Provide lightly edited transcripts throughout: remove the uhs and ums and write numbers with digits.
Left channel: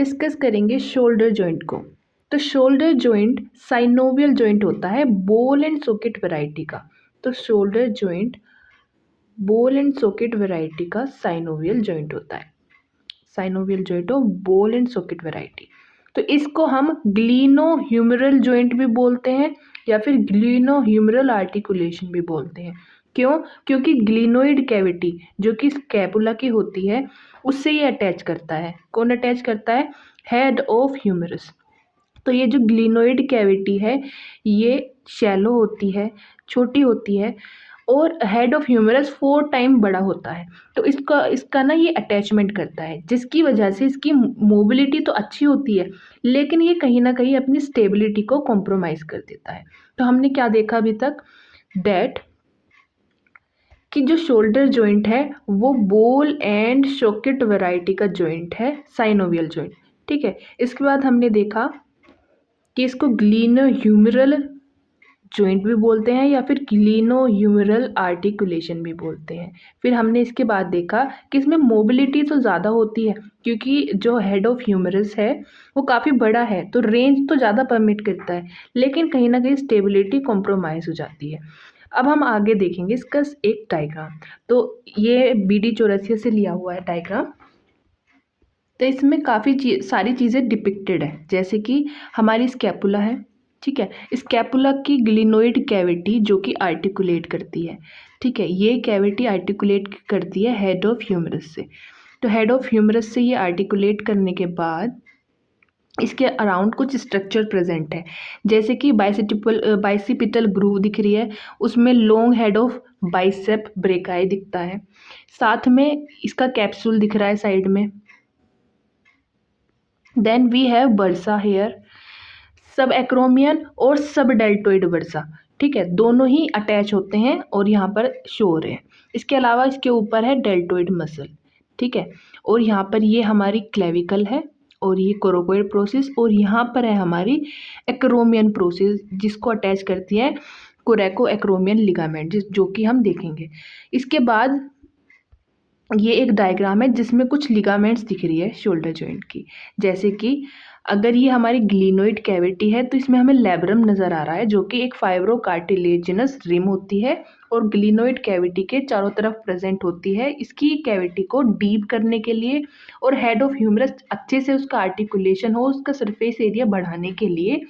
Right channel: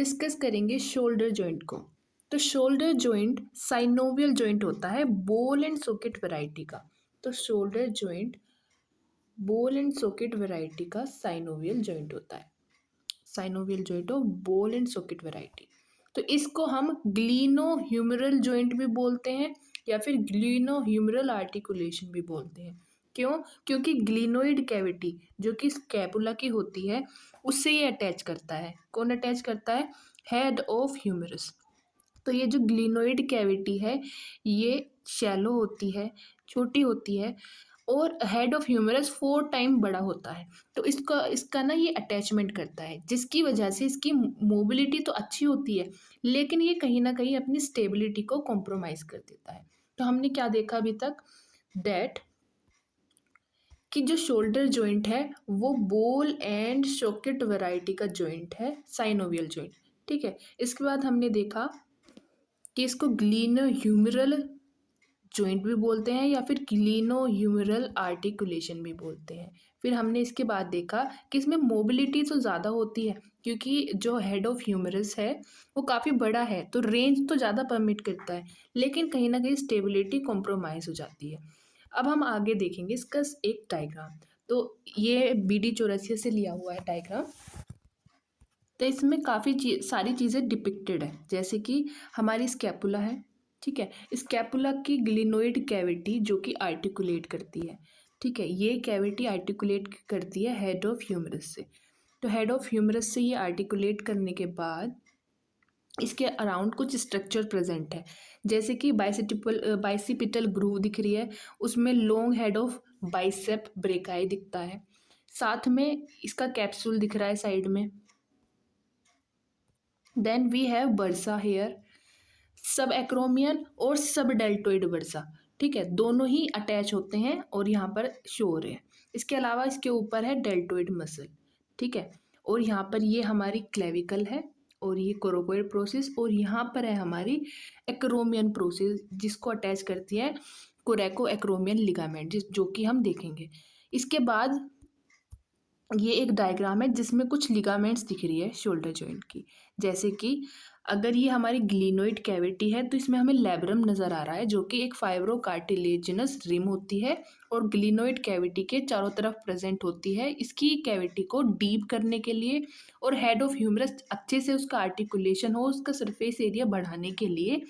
Discuss करेंगे shoulder joint को। तो शोल्डर जॉइंट साइनोवियल जॉइंट होता है बॉल एंड सॉकेट वैरायटी का। तो shoulder joint ball and socket variety का साइनोवियल जॉइंट होता है। Synovial joint of ball and socket variety. तो इसको हम ग्लीनोह्यूमरल जॉइंट भी बोलते हैं या फिर ग्लीनोह्यूमरल आर्टिकुलेशन भी बोलते हैं। क्यों? क्योंकि ग्लीनोइड कैविटी जो कि स्कैपुला की होती है उससे ये अटैच करता है। कौन अटैच करता है? Head of humerus. तो ये जो ग्लीनोइड कैविटी है ये शैलो होती है, छोटी होती है और हेड ऑफ ह्यूमरस 4 टाइम बड़ा होता है। तो इसका इसका ना ये अटैचमेंट करता है जिसकी वजह से इसकी मोबिलिटी तो अच्छी होती है लेकिन ये कहीं ना कहीं अपनी स्टेबिलिटी को कॉम्प्रोमाइज़ कर देता है। तो हमने क्या देखा अभी तक? डेट कि जो शोल्डर जॉइंट है वो बॉल एंड सॉकेट वैरायटी का जॉइंट है, साइनोवियल जॉइंट। ठीक है। इसके बाद हमने देखा कि इसको ग्लीनोह्यूमरल जॉइंट भी बोलते हैं या फिर ग्लीनोह्यूमरल आर्टिकुलेशन भी बोलते हैं। फिर हमने इसके बाद देखा कि इसमें मोबिलिटी तो ज़्यादा होती है क्योंकि जो हेड ऑफ ह्यूमरस है वो काफ़ी बड़ा है तो रेंज तो ज़्यादा परमिट करता है लेकिन कहीं ना कहीं स्टेबिलिटी कॉम्प्रोमाइज़ हो जाती है। अब हम आगे देखेंगे इसका एक डायग्राम। तो ये BD84 से लिया हुआ है डायग्राम। तो इसमें काफ़ी सारी चीज़ें डिपिक्टेड है जैसे कि हमारी स्कैपुला है। ठीक है। स्कैपुला की ग्लिनोइड कैविटी जो कि आर्टिकुलेट करती है। ठीक है। ये कैविटी आर्टिकुलेट करती है हेड ऑफ ह्यूमरस से। तो हेड ऑफ ह्यूमरस से ये आर्टिकुलेट करने के बाद इसके अराउंड कुछ स्ट्रक्चर प्रेजेंट है जैसे कि बाइसिपिटल ग्रूव दिख रही है, उसमें long head of bicep brachii दिखता है, साथ में इसका कैप्सूल दिख रहा है साइड में। Then we have bursa here, sub acromion और सब डेल्टोइड बर्सा। ठीक है। दोनों ही अटैच होते हैं और यहाँ पर शो हो रहे हैं। इसके अलावा इसके ऊपर है डेल्टोइड मसल। ठीक है। और यहाँ पर ये हमारी क्लेविकल है और ये कोरोकोइड प्रोसेस और यहाँ पर है हमारी एक्रोमियन प्रोसेस जिसको अटैच करती है कोरेको एक्रोमियन लिगामेंट जो कि हम देखेंगे। इसके बाद ये एक डायग्राम है जिसमें कुछ लिगामेंट्स दिख रही है शोल्डर जॉइंट की। जैसे कि अगर ये हमारी ग्लिनोइड कैविटी है तो इसमें हमें लेब्रम नज़र आ रहा है जो कि एक फाइब्रो कार्टिलेजिनस रिम होती है और ग्लिनोइड कैविटी के चारों तरफ प्रेजेंट होती है इसकी कैविटी को डीप करने के लिए और हेड ऑफ ह्यूमरस अच्छे से उसका आर्टिकुलेशन हो, उसका सरफेस एरिया बढ़ाने के लिए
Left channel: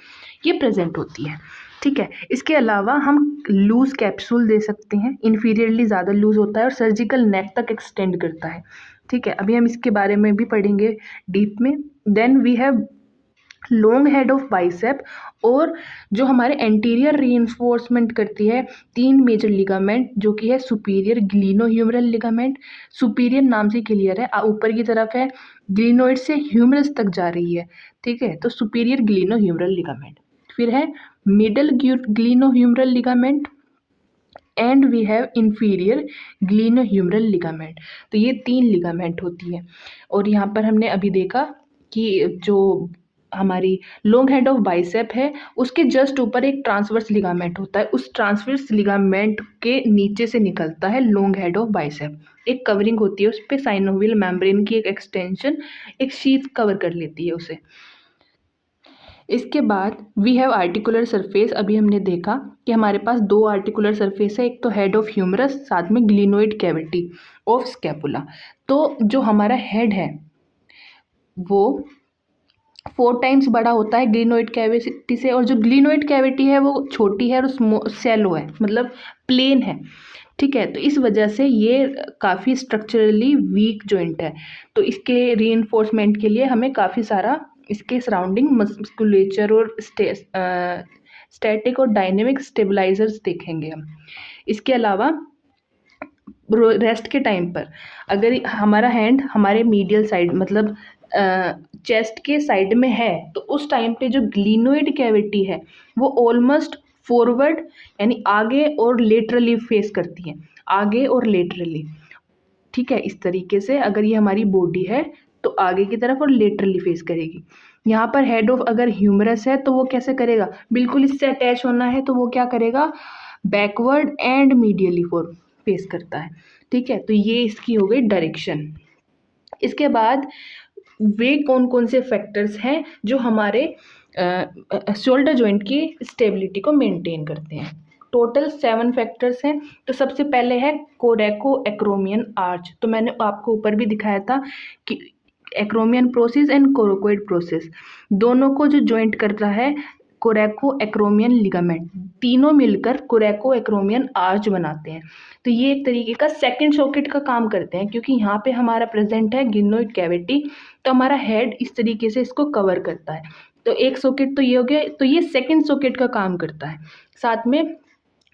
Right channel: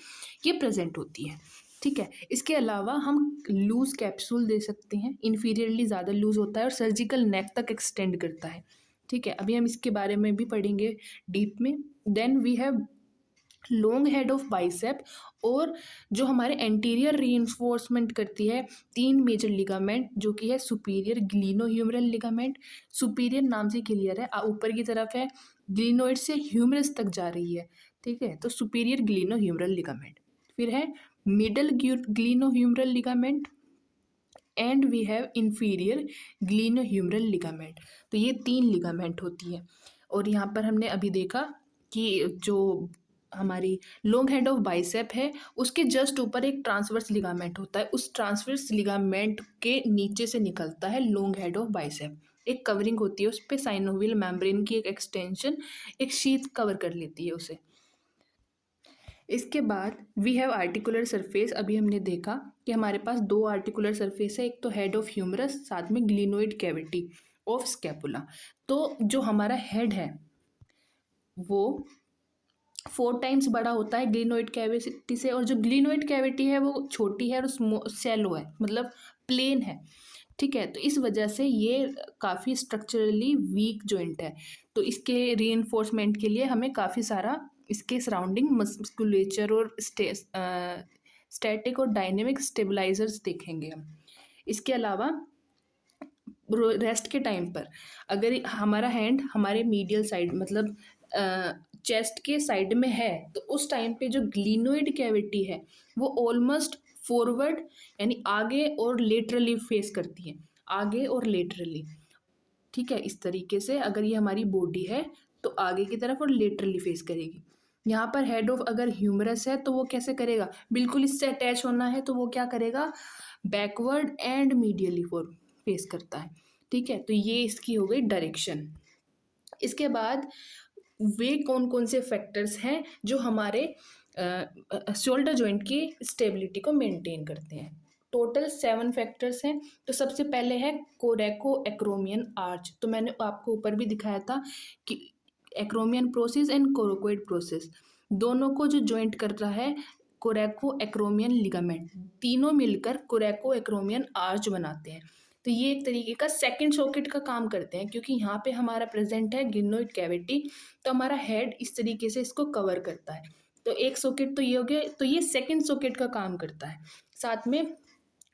ये प्रेजेंट होती है। ठीक है। इसके अलावा हम लूज कैप्सूल दे सकते हैं, इन्फीरियरली ज़्यादा लूज होता है और सर्जिकल नेक तक एक्सटेंड करता है। ठीक है। अभी हम इसके बारे में भी पढ़ेंगे डीप में। Then we have long head of bicep और जो हमारे एंटीरियर रीइंफोर्समेंट करती है 3 मेजर लिगामेंट जो कि है सुपीरियर ग्लिनोह्यूमरल लिगामेंट। सुपीरियर नाम से क्लियर है, ऊपर की तरफ है, ग्लिनोइड से ह्यूमरस तक जा रही है। ठीक है। तो सुपीरियर ग्लिनोह्यूमरल लिगामेंट। फिर है middle glenohumeral ligament and we have inferior glenohumeral ligament. तो ये 3 लिगामेंट होती है और यहाँ पर हमने अभी देखा कि जो हमारी लॉन्ग हेड ऑफ बाइसेप है उसके जस्ट ऊपर एक ट्रांसवर्स लिगामेंट होता है, उस ट्रांसवर्स लिगामेंट के नीचे से निकलता है लॉन्ग हेड ऑफ बाइसेप। एक कवरिंग होती है उस पर, साइनोवियल मेम्ब्रेन की एक एक्सटेंशन, एक शीथ कवर कर लेती है उसे। इसके बाद वी हैव आर्टिकुलर सरफेस। अभी हमने देखा कि हमारे पास 2 आर्टिकुलर सरफेस है, एक तो हेड ऑफ ह्यूमरस साथ में ग्लिनोइड कैविटी ऑफ स्कैपुला। तो जो हमारा हेड है वो 4 टाइम्स बड़ा होता है ग्लिनोइड कैविटी से और जो ग्लिनोइड कैविटी है वो छोटी है और सैलो है, मतलब प्लेन है। ठीक है। तो इस वजह से ये काफ़ी स्ट्रक्चरली वीक जॉइंट है। तो इसके रीइंफोर्समेंट के लिए हमें काफ़ी सारा इसके सराउंडिंग मस्कुलेचर और स्टैटिक और डायनेमिक स्टेबलाइजर्स देखेंगे हम। इसके अलावा रेस्ट के टाइम पर अगर हमारा हैंड हमारे मीडियल साइड मतलब चेस्ट के साइड में है तो उस टाइम पे जो ग्लिनोइड कैविटी है वो ऑलमोस्ट फॉरवर्ड यानी आगे और लेटरली फेस करती है, आगे और लेटरली। ठीक है। इस तरीके से अगर ये हमारी बॉडी है तो आगे की तरफ और लेटरली फेस करेगी। यहाँ पर हेड ऑफ अगर ह्यूमरस है तो वो कैसे करेगा? बिल्कुल इससे अटैच होना है तो वो क्या करेगा? Backward and medially for face करता है। ठीक है। तो ये इसकी हो गई डायरेक्शन। इसके बाद वे कौन कौन से फैक्टर्स हैं जो हमारे शोल्डर जॉइंट की स्टेबिलिटी को मेंटेन करते हैं। टोटल 7 फैक्टर्स हैं। तो सबसे पहले है कोरेको एक्रोमियन आर्च। तो मैंने आपको ऊपर भी दिखाया था कि एक्रोमियन प्रोसेस एंड कोरोकोइड प्रोसेस दोनों को जो जॉइंट कर रहा है कोरेको एक्रोमियन लिगामेंट, तीनों मिलकर कोरेको एक्रोमियन आर्च बनाते हैं। तो ये एक तरीके का सेकंड सॉकेट का काम करते हैं, क्योंकि यहाँ पे हमारा प्रेजेंट है गिनोइड कैविटी, तो हमारा हेड इस तरीके से इसको कवर करता है। तो एक सॉकेट तो ये हो गया, तो ये सेकंड सॉकेट का काम करता है। साथ में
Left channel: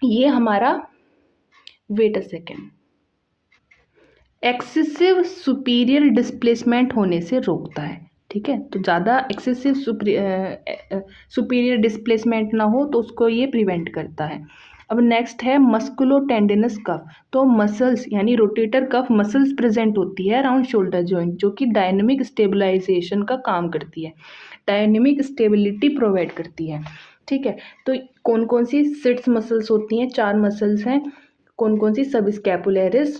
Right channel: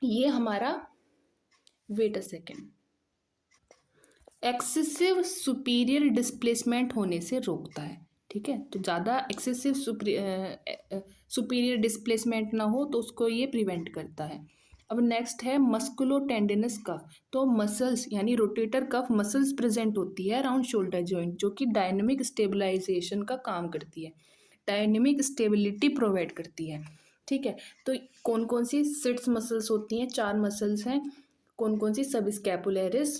ये हमारा, wait a second, excessive superior displacement होने से रोकता है। ठीक है, तो ज़्यादा एक्सेसिव सुपीरियर डिस्प्लेसमेंट ना हो तो उसको ये प्रिवेंट करता है। अब नेक्स्ट है मस्कुलो टेंडिनस कफ। तो मसल्स यानी रोटेटर कफ मसल्स प्रेजेंट होती है अराउंड शोल्डर जॉइंट, जो कि डायनेमिक स्टेबलाइजेशन का काम करती है, डायनेमिक स्टेबिलिटी प्रोवाइड करती है। ठीक है, तो कौन कौन सी सिट्स मसल्स होती हैं? 4 मसल्स हैं। कौन कौन सी? Subscapularis,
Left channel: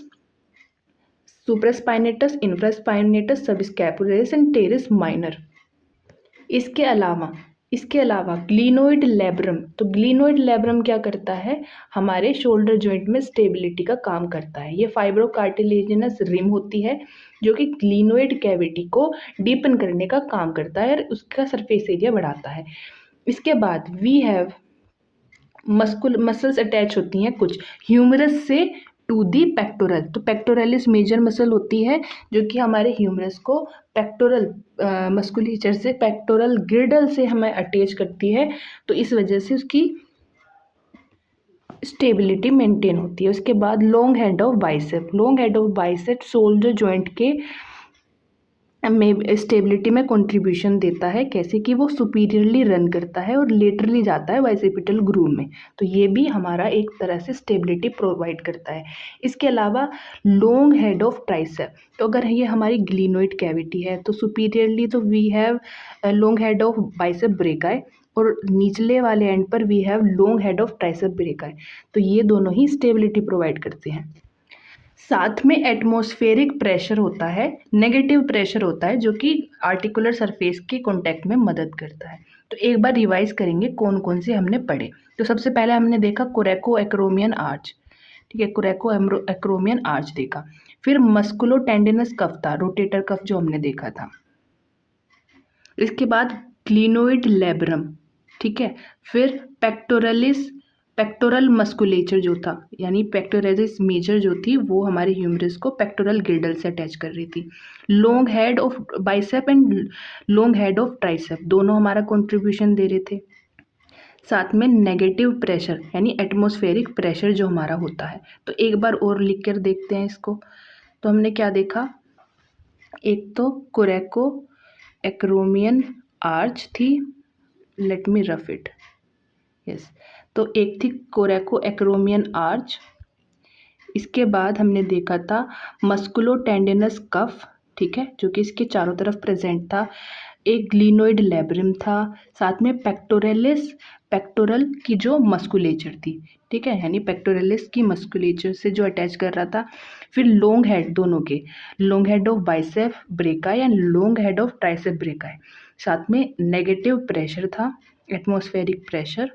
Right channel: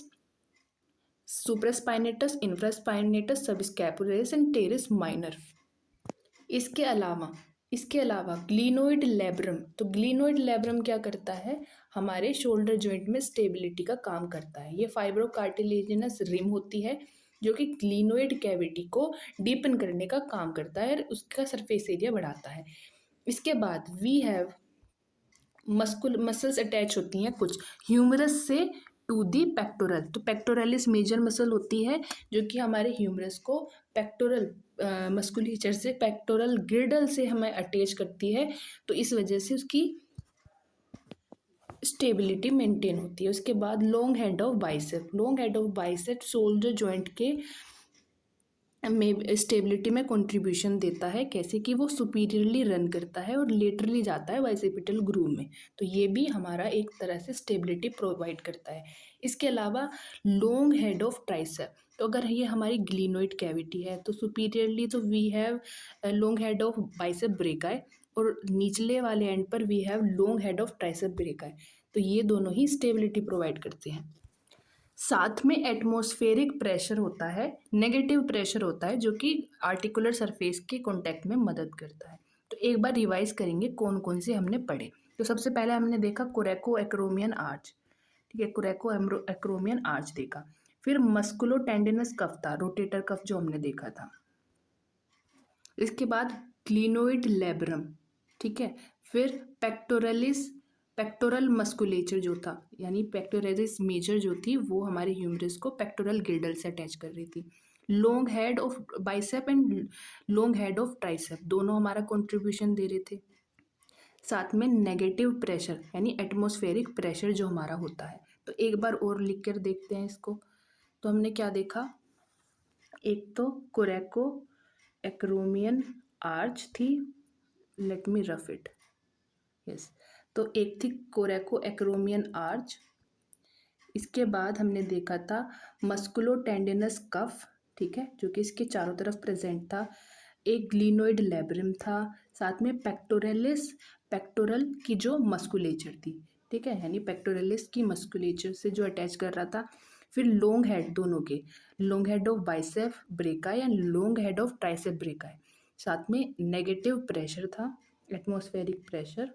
supraspinatus, infraspinatus, subscapularis and teres minor. इसके अलावा ग्लिनोइड लेब्रम। तो ग्लिनोइड लेब्रम क्या करता है? हमारे शोल्डर जॉइंट में स्टेबिलिटी का काम करता है। ये फाइब्रोकार्टिलेजिनस रिम होती है जो कि ग्लिनोइड कैविटी को डीपन करने का काम करता है और उसका सरफेस एरिया बढ़ाता है। इसके बाद वी हैव मसल्स अटैच होती हैं कुछ ह्यूमरस से टू दी पेक्टोरल। तो पेक्टोरलिस मेजर मसल होती है जो कि हमारे ह्यूमरस को पेक्टोरल मस्कुलेचर से, पेक्टोरल गिर्डल से हमें अटैच करती है, तो इस वजह से उसकी स्टेबिलिटी मेंटेन होती है। उसके बाद long head of bicep. Long head of bicep shoulder joint के में स्टेबिलिटी में कंट्रीब्यूशन देता है। कैसे कि वो सुपीरियरली रन करता है और लेटरली जाता है बाइसेपिटल ग्रूव में, तो ये भी हमारा एक तरह से स्टेबिलिटी प्रोवाइड करता है। इसके अलावा लॉन्ग हेड ऑफ ट्राइसेप। तो अगर ये हमारी ग्लिनोइड कैविटी है तो सुपीरियरली तो we have long head of bicep brachii और निचले वाले एंड पर we have long head of tricep brachii. तो ये दोनों ही स्टेबिलिटी प्रोवाइड करते हैं। साथ में एटमॉस्फेरिक प्रेशर होता है, नेगेटिव प्रेशर होता है जो कि आर्टिकुलर सरफेस के कांटेक्ट में मदद करता है। तो एक बार रिवाइज करेंगे कौन कौन से हमने पढ़े। तो सबसे पहले हमने देखा कोरेको एक्रोमियन आर्च। ठीक है, कोरेको एक्रोमियन आर्च देखा। फिर मस्कुलो टेंडिनस कफ था, रोटेटर कफ जो हमने देखा था। इसके बाद क्लिनोइड लेब्रम। ठीक है, फिर पेक्टोरल मस्कुलेचर जो था, यानी पेक्टोरलिस मेजर जो थी वो हमारे ह्यूमरस को पेक्टोरल गिर्डल से अटैच कर रही थी। Long head of bicep and long head of tricep दोनों हमारा कंट्रीब्यूशन दे रहे थे। साथ में नेगेटिव प्रेशर यानी एटमॉस्फेरिक प्रेशर जो हमारा होता है। तो एक बार और लिख कर देखते हैं इसको। तो हमने क्या देखा? एक तो कोरेको एक्रोमियन आर्च थी, let me rough it, yes. तो एक थी कोरेको एक्रोमियन आर्च। इसके बाद हमने देखा था मस्कुलो टेंडिनस कफ, ठीक है, जो कि इसके चारों तरफ प्रेजेंट था। एक ग्लिनोइड लेब्रिम था, साथ में पेक्टोरल की जो मस्कुलेचर थी, ठीक है, यानी पेक्टोरलिस की मस्कुलेचर से जो अटैच कर रहा था। फिर लॉन्ग हेड दोनों के, long head of bicep brachii and long head of tricep brachii. साथ में नेगेटिव प्रेशर था, एटमॉस्फेरिक प्रेशर।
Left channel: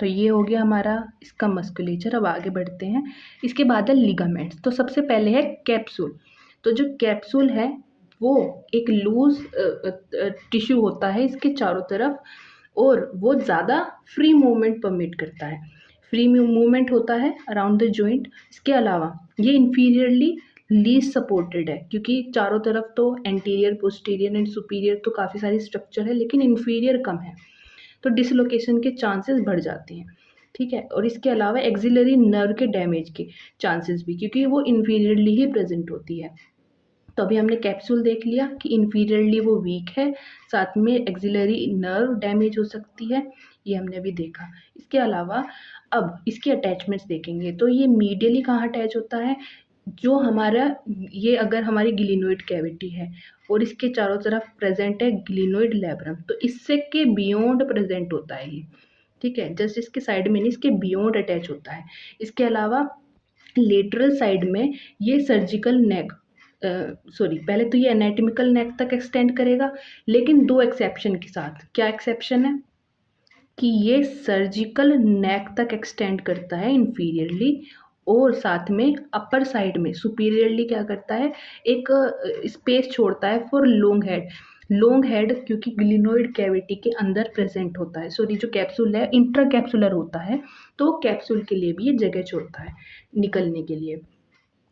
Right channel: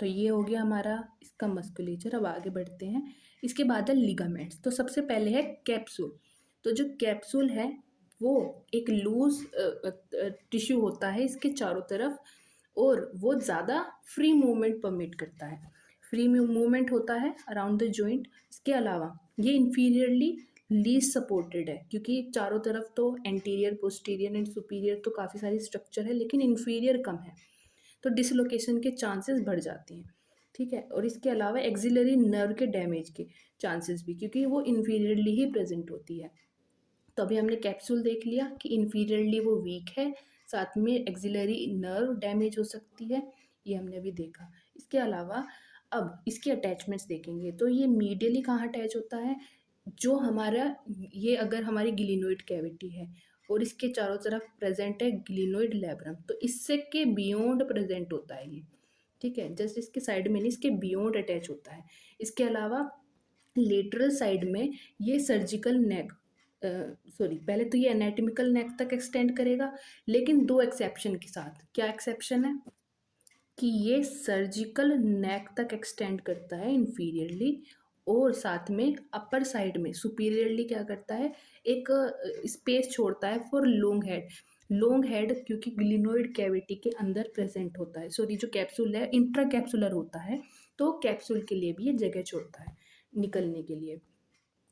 तो ये हो गया हमारा इसका मस्कुलेचर। अब आगे बढ़ते हैं। इसके बाद है लिगामेंट्स। तो सबसे पहले है कैप्सूल। तो जो कैप्सूल है वो एक लूज टिश्यू होता है इसके चारों तरफ, और वो ज़्यादा फ्री मूवमेंट परमिट करता है, फ्री मूवमेंट होता है अराउंड द जॉइंट। इसके अलावा ये इन्फीरियरली लीस्ट सपोर्टेड है, क्योंकि चारों तरफ तो एंटीरियर, पोस्टीरियर एंड सुपीरियर तो काफ़ी सारी स्ट्रक्चर है, लेकिन इन्फीरियर कम है, तो डिसलोकेशन के चांसेस बढ़ जाते हैं। ठीक है, और इसके अलावा एक्सिलरी नर्व के डैमेज के चांसेस भी, क्योंकि वो इन्फीरियरली ही प्रेजेंट होती है। तो अभी हमने कैप्सूल देख लिया कि इन्फीरियरली वो वीक है, साथ में एक्सिलरी नर्व डैमेज हो सकती है, ये हमने अभी देखा। इसके अलावा अब इसके अटैचमेंट्स देखेंगे। तो ये मीडियली कहाँ अटैच होता है? जो हमारा, ये अगर हमारी ग्लिनोइड कैविटी है और इसके चारों तरफ प्रेजेंट है ग्लिनोइड लेब्रम, तो इससे के बियॉन्ड प्रेजेंट होता है ये। ठीक है, जस्ट इसके साइड में नहीं, इसके बियॉन्ड अटैच होता है। इसके अलावा लेटरल साइड में ये सर्जिकल नेक सॉरी, पहले तो ये एनाटॉमिकल नेक तक एक्सटेंड करेगा, लेकिन दो एक्सेप्शन के साथ। क्या एक्सेप्शन है? कि ये सर्जिकल नेक तक एक्सटेंड करता है इंफीरियरली, और साथ में अपर साइड में सुपीरियरली क्या करता है, एक स्पेस छोड़ता है for long head. Long head क्योंकि ग्लिनोइड कैविटी के अंदर प्रेजेंट होता है, सॉरी जो कैप्सूल है इंट्रा कैप्सुलर होता है, तो कैप्सूल के लिए भी ये जगह छोड़ता है निकलने के लिए।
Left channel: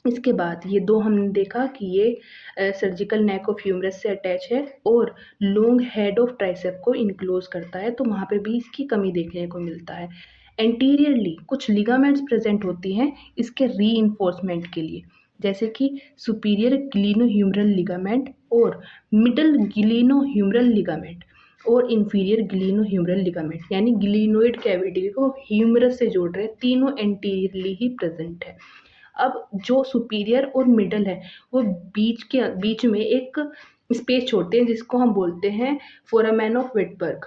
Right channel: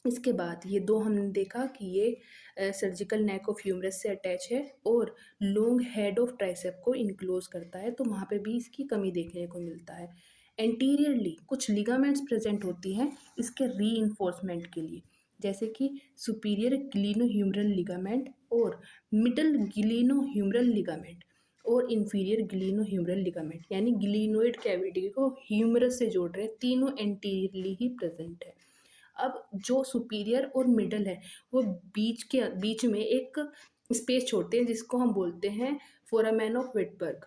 इसके बाद ये दो हमने देखा कि ये सर्जिकल नेक ऑफ ह्यूमरस से अटैच है और लॉन्ग हेड ऑफ ट्राइसेप को इनक्लोज करता है, तो वहाँ पे भी इसकी कमी देखने को मिलता है। एंटीरियरली कुछ लिगामेंट्स प्रेजेंट होती हैं इसके री के लिए, जैसे कि सुपीरियर ग्लिनोह्यूमरल लिगामेंट और मिडल ग्लिनोह्यूमरल लिगामेंट और इंफीरियर ग्लिनोह्यूमरल लिगामेंट, यानी ग्लिनोइड कैविटी को ह्यूमरस से जोड़ रहे हैं, तीनों एंटीरियरली ही प्रेजेंट है। अब जो सुपीरियर और मिडल है वो बीच में एक स्पेस छोड़ते हैं जिसको हम बोलते हैं फोरामेन ऑफ विटबर्ग।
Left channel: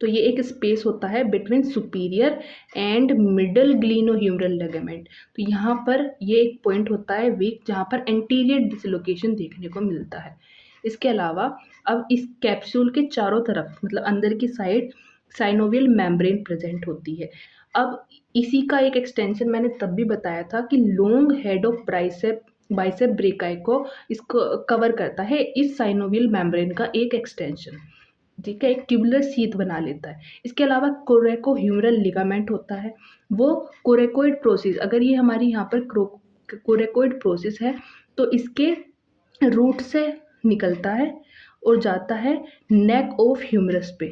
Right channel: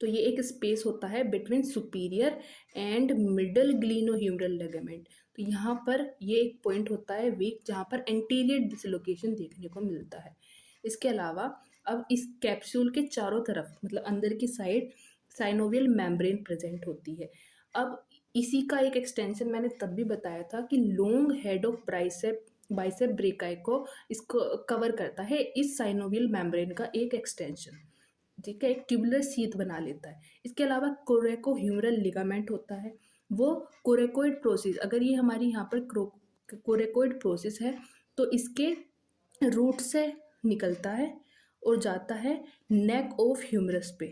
तो ये एक स्पेस होता है between superior and middle glenohumeral ligament. तो यहाँ पर ये एक पॉइंट होता है वीक जहाँ पर एंटीरियर डिसलोकेशन देखने को मिलता है। इसके अलावा अब इस कैप्सूल के चारों तरफ मतलब अंदर की साइड साइनोवियल मेम्ब्रेन प्रेजेंट होती है। अब इसी का एक एक्सटेंशन मैंने तब भी बताया था कि long head of bicep brachii को इसको कवर करता है इस साइनोवियल मेम्ब्रेन का एक एक्सटेंशन, ठीक है, एक ट्यूबुलर शीथ बना लेता है। इसके अलावा कोरेकोह्यूमरल लिगामेंट होता है, वो कोरेकोइड प्रोसेस, अगर ये हमारी यहाँ पर कोरेकोइड प्रोसेस है तो इसके रूट से निकलता है और जाता है नेक ऑफ ह्यूमरस पे,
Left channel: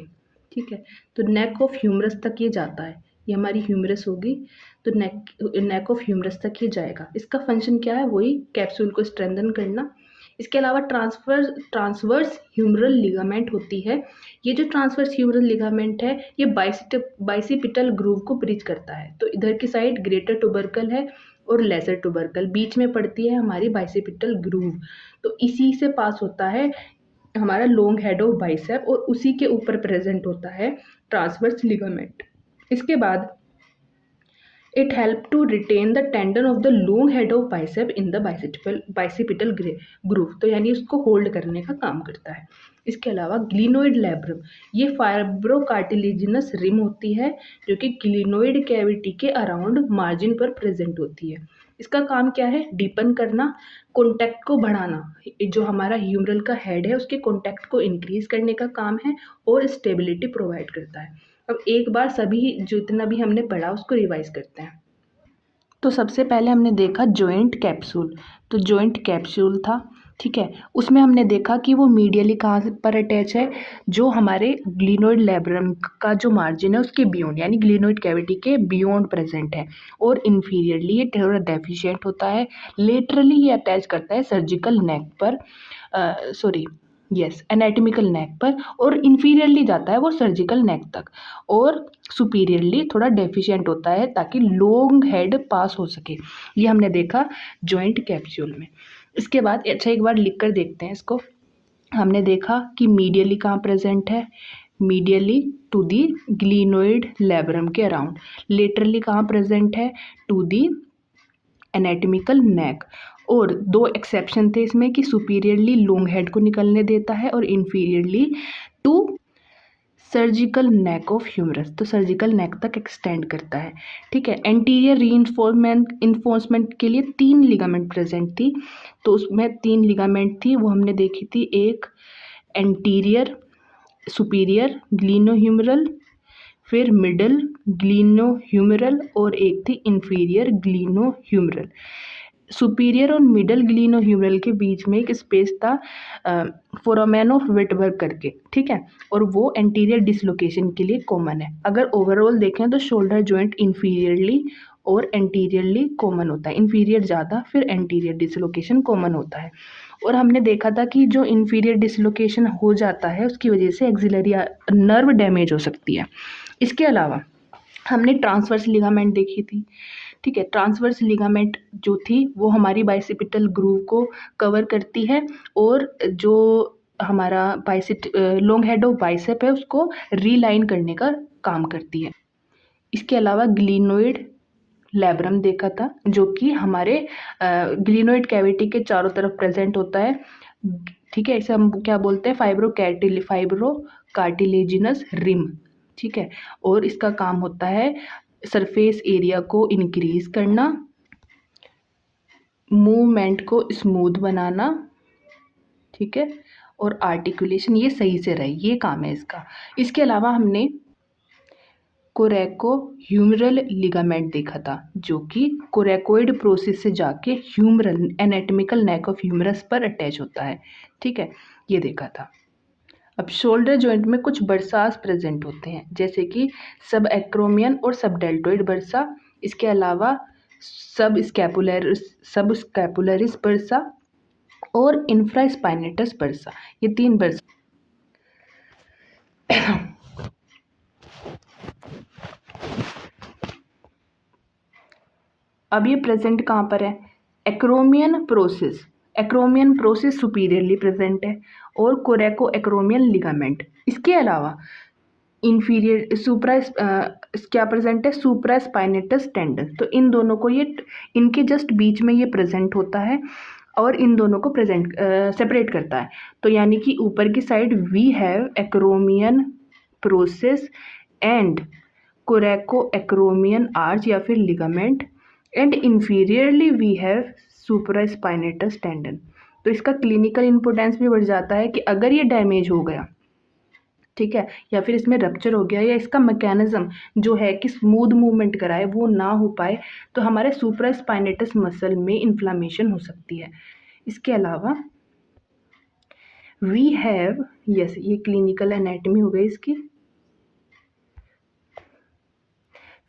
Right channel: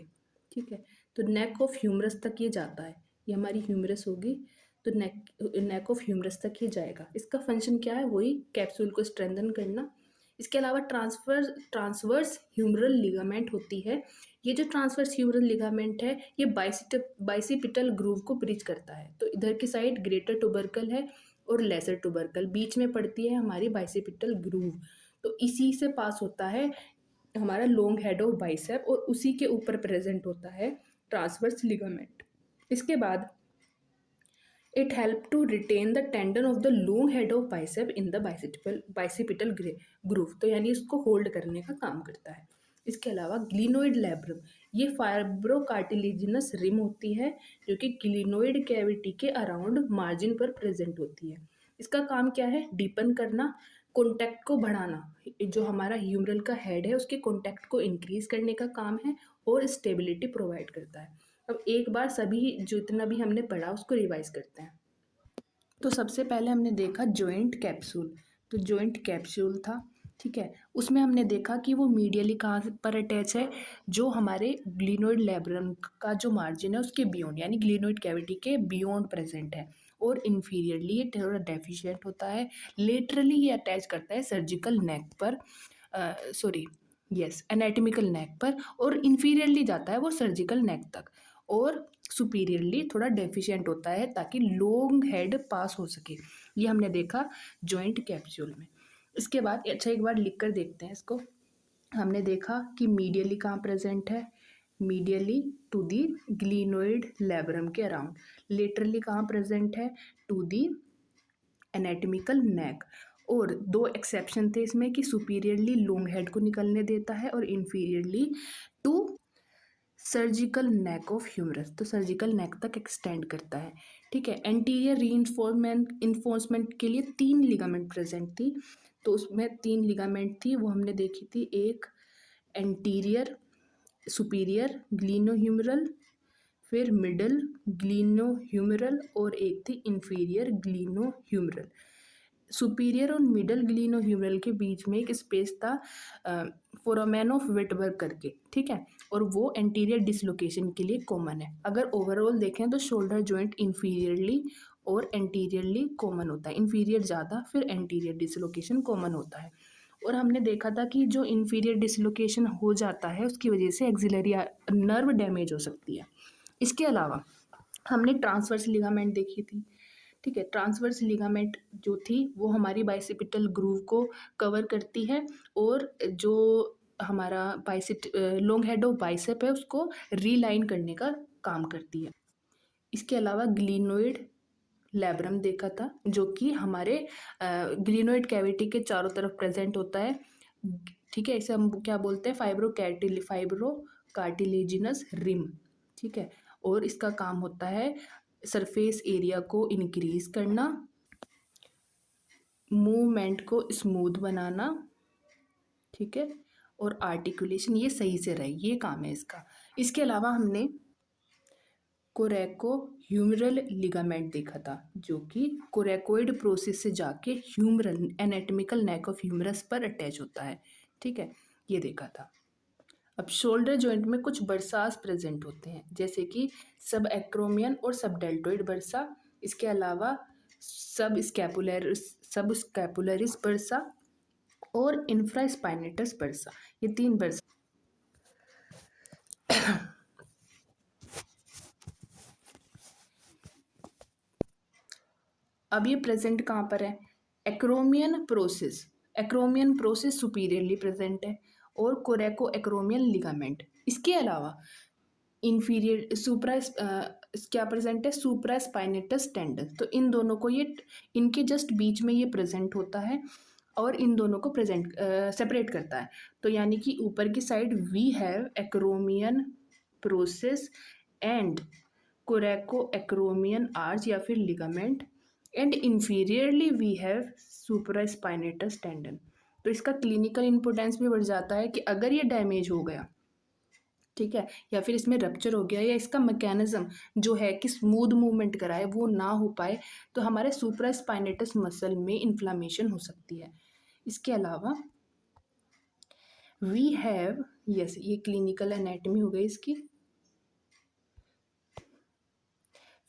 ठीक है। तो नेक ऑफ ह्यूमरस तक ये जाता है, ये हमारी ह्यूमरस होगी तो नेक ऑफ ह्यूमरस तक ये जाएगा। इसका फंक्शन क्या है? वही कैप्सूल को स्ट्रेंथन करना। इसके अलावा ट्रांसवर्स ह्यूमरल लिगामेंट होती है। ये जो ट्रांसवर्स ह्यूमरल लिगामेंट है ये बाइसिपिटल ग्रूव को ब्रिज करता है। तो इधर की साइड ग्रेटर टुबरकल है और लेसर टुबरकल, बीच में पड़ती है हमारी बाइसिपिटल ग्रूव। तो इसी से पास होता है हमारा लॉन्ग हेड ऑफ बाइसेप और उसी के ऊपर प्रेजेंट होता है ट्रांसवर्स लिगामेंट। इसके बाद it help to retain the tendon of the long head of bicep in the bicipital groove, तो यानी उसको होल्ड करने का काम करता है। इसके अलावा ग्लिनोइड लैब्रम, ये फाइब्रोकार्टिलेजिनस रिम होती है जो कि ग्लिनोइड कैविटी के अराउंड मार्जिन पर प्रेजेंट होती है। इसका काम क्या है? डीपन करना, कॉन्टैक्ट को बढ़ाना, जो हमारा ह्यूमरल का हेड है उसके कॉन्टैक्ट को इंक्रीज करने का काम है और स्टेबिलिटी प्रोवाइड करता है। अब एक बार सभी जितना भी हमने पढ़ा उसको रिवाइज करते हैं। तो सबसे पहले हमने देखा जॉइंट कैप्सूल, तो जॉइंट कैप्सूल था, ठीक है। उसमें हमने देखा कि वो मीडियली कहाँ पर अटैच है, जो हमारे ग्लिनोइड लैब्रम का जो मार्जिन है उसके बियॉन्ड, यानी ग्लिनोइड कैविटी के बियॉन्ड प्रेजेंट है। और इन्फीरियरली ये थोड़ा डेफिशिएंट होता है। लेटरली ये अटैच करता है सर्जिकल नेक पर, सॉरी यस एनाटॉमिकल नेक पर, और इन्फीरियरली जाता है वो सर्जिकल नेक तक, और सुपीरियरली थोड़ा डेफिशिएंट होता है ताकि लॉन्ग हेड पास हो सके। ये हमने देखा जॉइंट कैप्सूल में। इसके बाद अच्छा एक बार लिख कर देखते हैं इसको। हमने देखा कि मीडियली कहाँ प्रेजेंट है, medially to the glenoid labrum के अराउंड। लेटरली कहाँ प्रेजेंट है? To the anatomical neck. और दो एक्सेप्शन थे इसमें कि सुपीरियरली लॉन्ग हेड को निकलने देता है और inferiorly to surgical neck of humerus, तो सर्जिकल नेक तक एक्सटेंड करता है, ठीक है। एंटीरियर इन्फोर्समेंट के लिए 3 लिगामेंट प्रेजेंट थी, तो उसमें 3 लिगामेंट थी वो हमने देखी थी। एक एंटीरियर सुपीरियर ग्लिनोह्यूमरल, फिर मिडल ग्लिनोह्यूमरल और एक थी इंफीरियर ग्लिनोह्यूमरल। सुपीरियर और मिडल ग्लिनोह्यूमरल के बीच में एक स्पेस था फोरामेन ऑफ विटबर्ग करके, ठीक है, और वो एंटीरियर डिसलोकेशन के लिए कॉमन है। अगर ओवरऑल देखें तो शोल्डर जॉइंट इंफीरियरली और एंटीरियरली कॉमन होता है, इंफीरियर ज़्यादा फिर एंटीरियर डिसलोकेशन कॉमन होता है। और हमने देखा था कि जो इंफीरियर डिसलोकेशन हो जाता है उसकी वजह से एक्सिलरी नर्व डैमेज हो सकती है। इसके अलावा हमने ट्रांसवर्स लिगामेंट देखी थी, ठीक है। ट्रांसवर्स लिगामेंट जो थी वो हमारी बाइसिपिटल ग्रूव को कवर करती है और जो हमारा लॉन्ग हेड ऑफ बाइसेप है उसको रीलाइन करने का काम करती है। इसके अलावा ग्लिनोइड लैब्रम देखा था, जो कि हमारे ग्लिनोइड कैविटी के चारों तरफ प्रेजेंट होता है। ठीक है, इसे हम क्या बोलते हैं, फाइब्रो कार्टिलेजिनस रिम। ठीक है, और इसका काम होता है सरफेस एरिया को इंक्रीज करना, मूवमेंट को स्मूथ बनाना, ठीक है, और आर्टिकुलेशन ये सही से रहे, ये काम है इसका। इसके अलावा हमने कोरेको ह्यूमरल लिगामेंट देखा था, जो कि कोरेकोइड प्रोसेस से जाके humeral anatomical neck of humerus पर अटैच होता है। ठीक है, ये देखा था। अब शोल्डर जॉइंट में कुछ बर्सास प्रेजेंट होते हैं, जैसे कि सब एक्रोमियन और सब डेल्टोइड बर्सा। इसके अलावा सब स्कैपुलरिस बर्सा और इंफ्रास्पाइनेटस बर्सा, ये 3 बर्सा। अब ये प्रेजेंट कहाँ पर है, एक्रोमियन प्रोसेस सुपीरियरली प्रेजेंट है, और कोरेको एक्रोमियन लिगामेंट। इसके अलावा इंफीरियर क्या प्रेजेंट है, सुप्रास्पाइनेटस टेंडन। तो इन दोनों को ये इनके जस्ट बीच में ये प्रेजेंट होता है और इन दोनों को सेपरेट करता है। तो यानी कि ऊपर की side we have acromion process and coraco acromion arch या फिर ligament, and inferiorly we have supraspinatus tendon. तो इसका क्लिनिकल इंपोर्टेंस भी बढ़ जाता है कि अगर ये डैमेज हो गया, ठीक है, या फिर इसमें रप्चर हो गया, या इसका मैकेनिज्म जो है कि स्मूथ मूवमेंट कराए वो ना हो पाए, तो हमारे सुप्रास्पाइनेटस मसल में इन्फ्लामेशन हो सकती है। इसके अलावा वी हैव, यस, ये क्लिनिकल एनाटॉमी हो गई इसकी।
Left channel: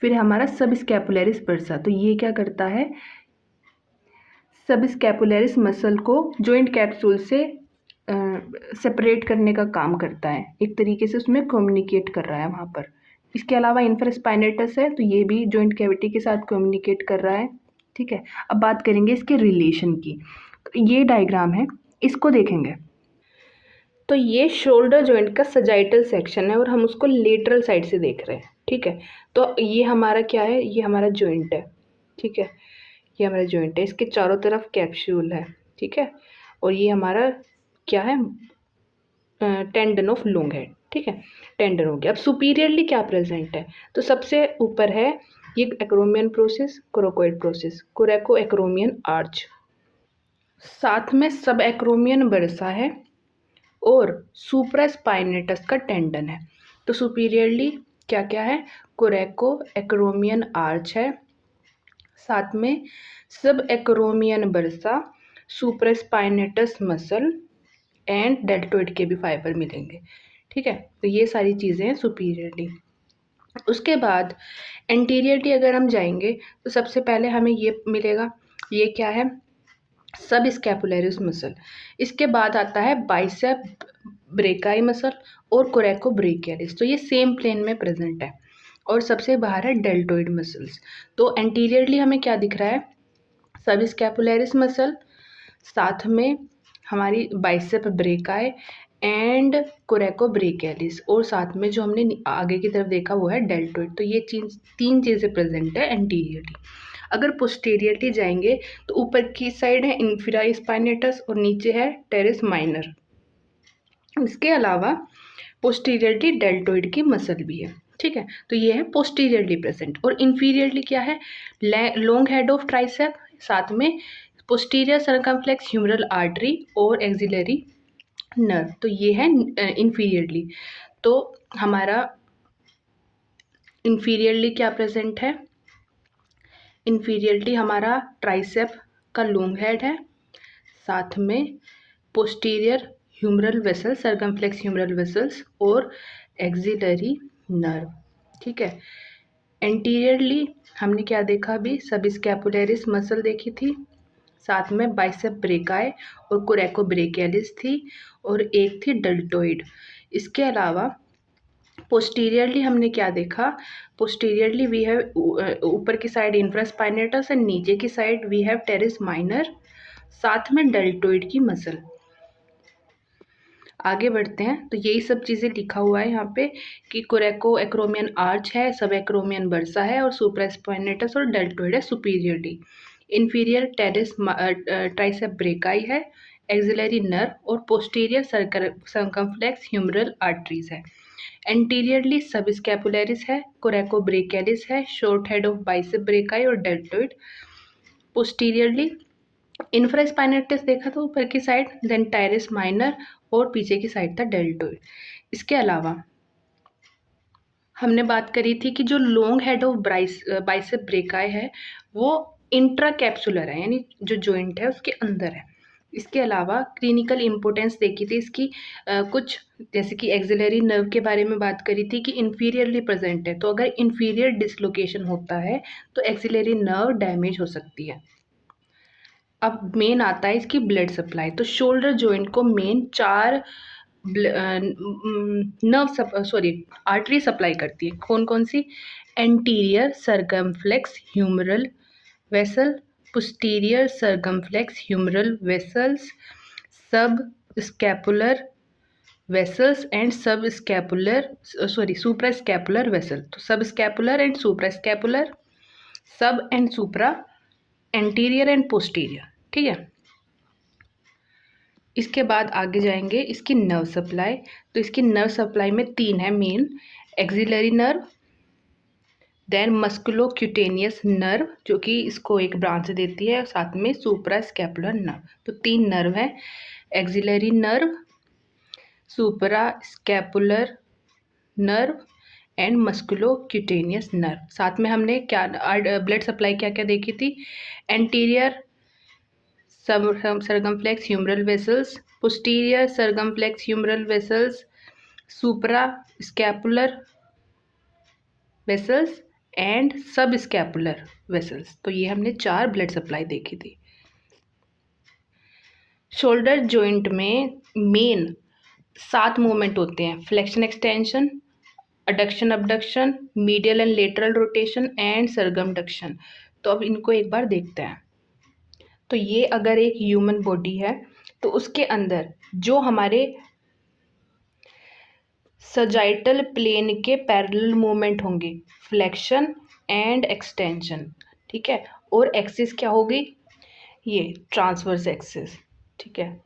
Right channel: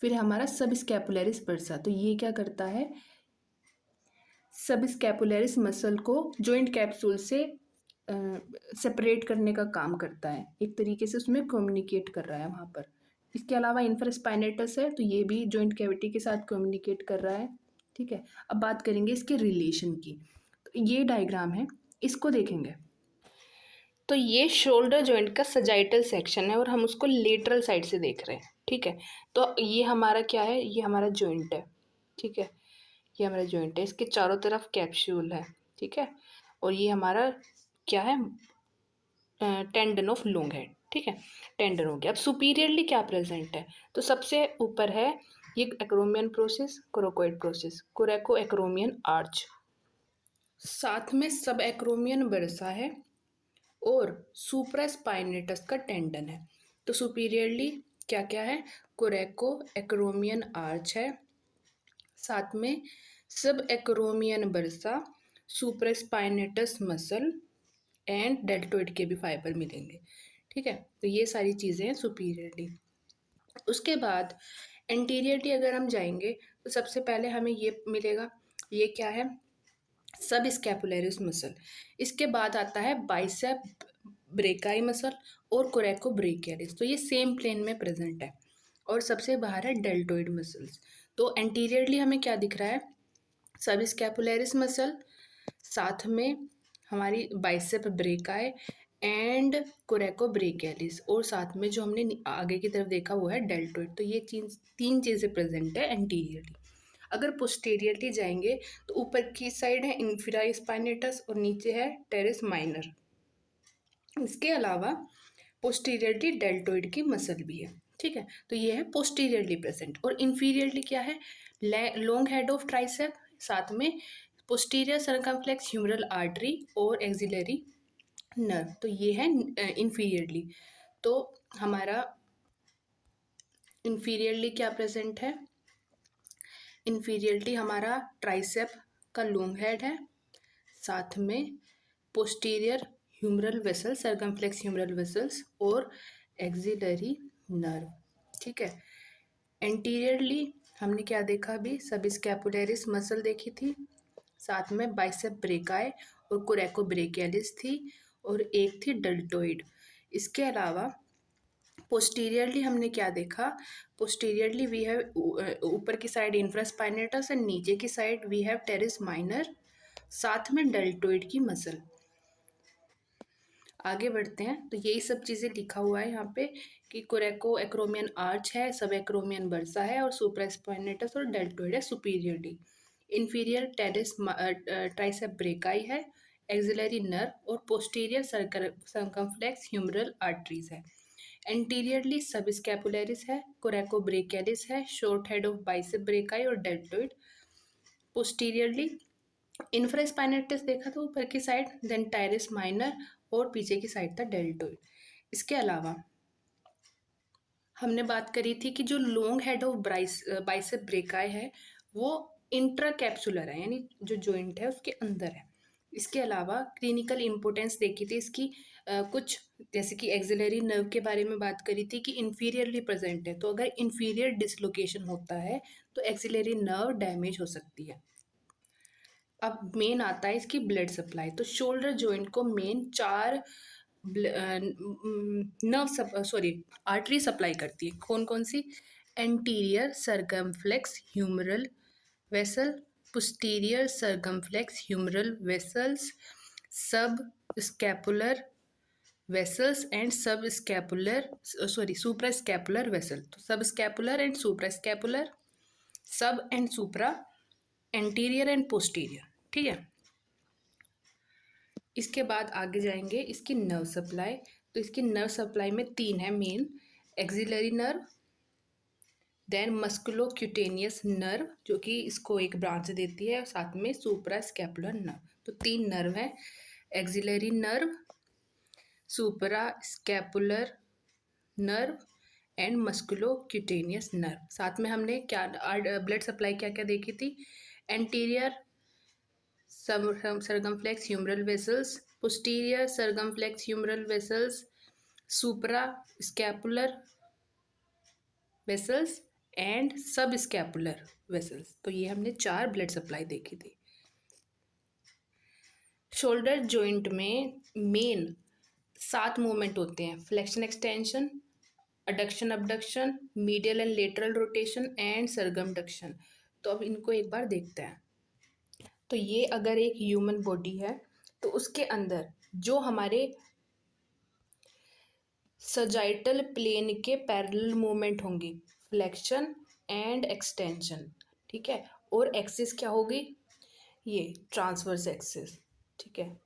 फिर हमारा सब स्कैपुलरिस बर्सा, तो ये क्या करता है, सब स्कैपुलरिस मसल को जॉइंट कैप्सूल से सेपरेट करने का काम करता है, एक तरीके से उसमें कम्युनिकेट कर रहा है वहाँ पर। इसके अलावा इंफ्रास्पाइनेटस है, तो ये भी जॉइंट कैविटी के साथ कम्युनिकेट कर रहा है। ठीक है, अब बात करेंगे इसके रिलेशन की। तो ये डायग्राम है, इसको देखेंगे तो ये शोल्डर जॉइंट का सजाइटल सेक्शन है और हम उसको लेटरल साइड से देख रहे हैं। ठीक है, तो ये हमारा क्या है, ये हमारा जॉइंट है। ठीक है, ये हमारा जॉइंट है, इसके चारों तरफ कैप्सूल है। ठीक है, और ये हमारा क्या है, टेंडन ऑफ लॉन्ग हेड। ठीक है, टेंडन हो गया। अब सुपीरियरली क्या प्रेजेंट है, तो सबसे ऊपर है ये acromion process, coracoid process, कोरेको acromion arch, साथ में सब एक्रोमियन बर्सा है और सुप्रास्पाइनेटस का टेंडन है। तो सुपीरियरली क्या क्या है, कोरेको एक्रोमियन आर्च है, साथ में सब acromion bursa, supraspinatus muscle and deltoid के भी फाइबर मिलेंगे। ठीक है, तो ये सारी चीज़ें हैं सुपीरियरली। उसके बाद एंटीरियरली अगर हम जाएंगे तो सबसे पहले हमें ये मिलेगा, ये क्या है, सब स्कैपुलरिस मसल। इसके बाद आता है बाइसेप ब्रेकाई मसल और कोरेको ब्रेकियलिस, तो ये सेम प्लेन में प्रेजेंट है। और सबसे बाहर है डेल्टोइड मसल्स। तो एंटीरियरली हमें क्या दिख रहा है, सब स्कैपुलरिस मसल, साथ में हमारी बाइसेप ब्रेकाई एंड कोरेको ब्रेकियलिस, और साथ में जो हमने आगे की तरफ देखा वो है डेल्टोइड। तो ये चीज़ 3 चीज़ें प्रेजेंट है एंटीरियरली। अगर पोस्टीरियरली जाएंगे तो ऊपर की साइड है इंफिरा स्पाइनेटस और नीचे है टेरेस माइनर। इसके अलावा पोस्टीरियरली डेल्टोइड की मसल भी है। ठीक है, तो ये है पोस्टीरियरली प्रेजेंट। और इन्फीरियरली क्या है, लॉन्ग हेड ऑफ ट्राइसेप, साथ में पोस्टीरियर सर्कमफ्लेक्स ह्यूमरल आर्टरी और एक्सिलरी नर्व, तो ये है इन्फीरियरली। तो हमारा इन्फीरियरली क्या प्रेजेंट है, इन्फीरियरली हमारा ट्राइसेप का लॉन्ग हेड है, साथ में posterior humeral vessel, circumflex humeral vessels और एक्सिलरी नर्व। ठीक है, एंटीरियरली हमने क्या देखा अभी, सब स्कैपुलरिस मसल देखी थी, साथ में बाइसेप ब्रेकाई और कोरेको ब्रेकियलिस थी, और एक थी डेल्टोइड। इसके अलावा पोस्टीरियरली हमने क्या देखा, पोस्टीरियरली वी हैव ऊपर की साइड इंफ्रास्पाइनेटस एंड नीचे की side we have teres minor, साथ में डेल्टोइड की मसल। आगे बढ़ते हैं। तो यही सब चीज़ें लिखा हुआ है यहाँ पे कि कोरेको एक्रोमियन आर्च है, सब एक्रोमियन बर्सा है और सुप्रास्पाइनेटस और डेल्टोइड है superiorly. Inferior teres tricep brachii है, एक्सिलरी नर्व और पोस्टीरियर सर्कमफ्लेक्स ह्यूमरल आर्टरीज है। एंटीरियरली सब स्कैपुलरिस है, कोरेको ब्रेकियलिस है, short head of bicep brachii और डेल्टोइड। पोस्टीरियरली इंफ्रास्पाइनेटस देखा तो ऊपर की साइड, देन टायरिस माइनर और पीछे की साइड था डेल्टोइड। इसके अलावा हमने बात करी थी कि जो long head of bicep brachii है वो इंट्रा कैप्सुलर है, यानी जो जॉइंट है उसके अंदर है। इसके अलावा क्लिनिकल इम्पोर्टेंस देखी थी इसकी कुछ, जैसे कि एक्सिलरी नर्व के बारे में बात करी थी कि इन्फीरियरली प्रेजेंट है, तो अगर इन्फीरियर डिसलोकेशन होता है तो एक्सिलरी नर्व डैमेज हो सकती है। अब मेन आता है इसकी ब्लड सप्लाई। तो शोल्डर जॉइंट को मेन 4 आर्टरी सप्लाई करती है। कौन कौन सी? Anterior circumflex humeral vessel, posterior circumflex humeral vessels, subscapular vessels and subscapular suprascapular vessel. तो subscapular and suprascapular, sub and supra, anterior and posterior. ठीक है। इसके बाद आगे जाएंगे इसकी नर्व सप्लाई। तो इसकी नर्व सप्लाई में 3 है main, axillary nerve, then musculocutaneous nerve जो कि इसको एक ब्रांच देती है, और साथ में सुप्रा स्कैपुलर नर्व। तो 3 नर्व है, axillary nerve, supra scapular nerve and musculocutaneous nerve. साथ में हमने क्या ब्लड सप्लाई क्या क्या देखी थी? Anterior circumflex humeral vessels, posterior circumflex humeral vessels, suprascapular vessels and subscapular vessels. तो ये हमने 4 ब्लड सप्लाई देखी थी। शोल्डर जॉइंट में मेन 7 मूवमेंट होते हैं, flexion extension, adduction abduction, medial and lateral rotation and circumduction. तो अब इनको एक बार देखते हैं। तो ये अगर एक ह्यूमन बॉडी है तो उसके अंदर जो हमारे सजाइटल प्लेन के पैरेलल मूवमेंट होंगे, फ्लेक्शन एंड एक्सटेंशन। ठीक है। और एक्सिस क्या होगी? ये ट्रांसवर्स एक्सिस। ठीक है।